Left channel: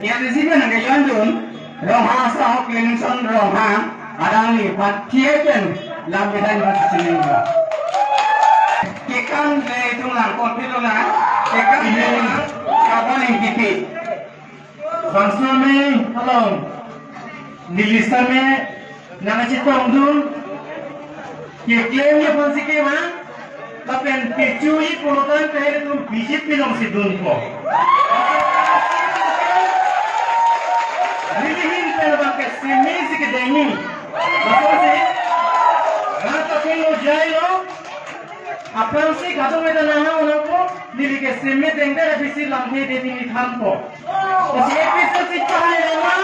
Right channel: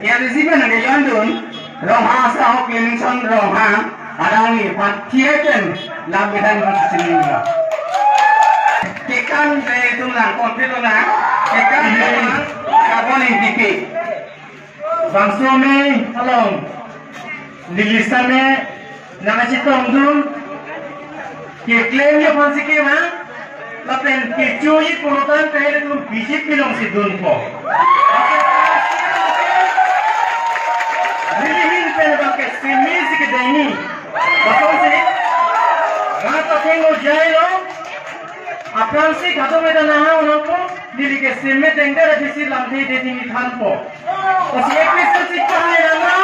Yang disini nanti London, roha sahok Clinton roha, ada ni patiakan lambidan bersenyum. Kekan itu lah, konflik lah, kekan carbon indicate. Bangsa में hello, दिल्लीसा में नानाची तोंगुन के क्लेम ये फांसी के वहाँ लपेन पिचुई पुरुषान कहे तुम बीजेपी लोग सिद्धून को रिलीहिन पेन बाके सीमेज के दैनी बतौर से वहाँ तो केंगो जाए लो अपन से खातों में तो नहा उनको दिल्ली के सीमेज देंगे रजिस्ट्री लांधे देती मिठान को और ये किसी से कहाँ है ना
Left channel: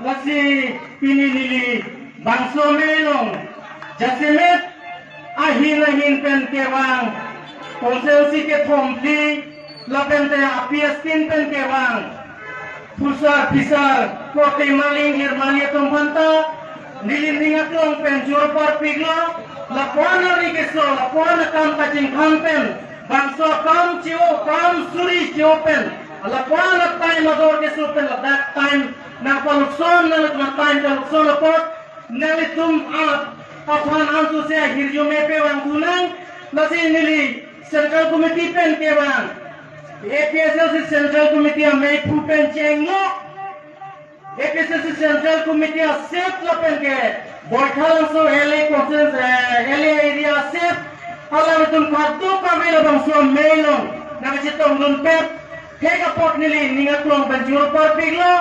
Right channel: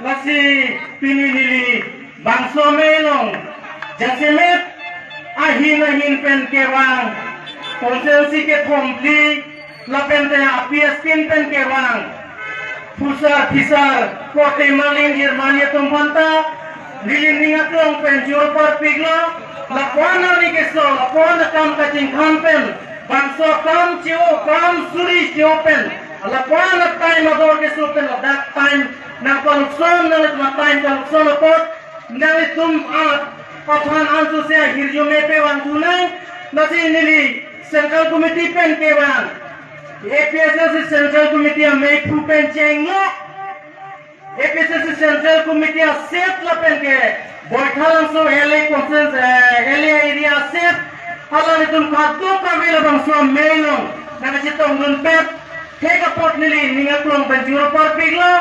Masih pinili bangsa melong jasimet ahin pen kewang konsensi ke thomti lapen te apiaskin pen kewang pusar pisar kote maling Germania tumpanta lilingat long pen jorpar piglo lakwana ni keso lakwana kam kacing kampen bangsa kam cio kam suri cio pen lakwana time ador keso pen that time na korupson na time korupson pot na tum aphan ansu se hirjo me pe wanguna nasi nili central committee pen ke wang APSS central committee me pu pen chengo APSS central committee set la pen ke boithalan so LA conference LA area set hala tum khatu ka vela bang so melong na chitong nun pep theka pot nili ningatlong pen juro par piglo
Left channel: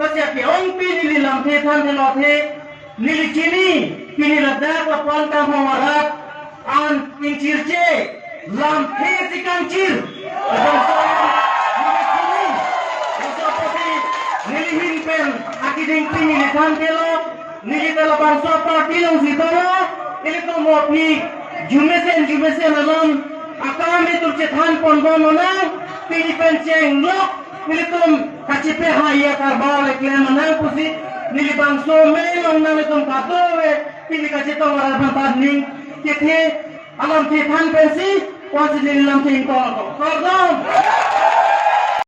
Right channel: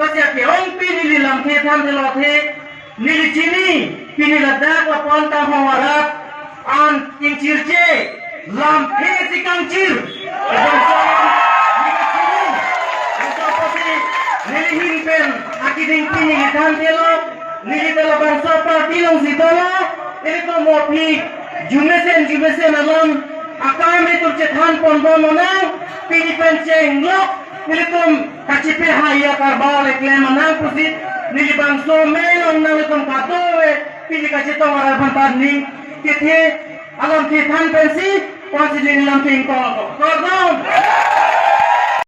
Masih ke orang pilih lampu than telote nili cini pilih ledak lapon tahu warak an kincirce lampu si kancir nili himpen akiding pilih than telo nili telo bangsa parti long si telo ini tu mopi jumesen alon akam itu cethan pondon mana pilih penceng lok Nilitum kacipe haya karbau leklem manang pusit nilibang so melong namitum katowe pili kacito waral bantar ning kithe alam kithan pensi pasi nilam tingkol ko pardon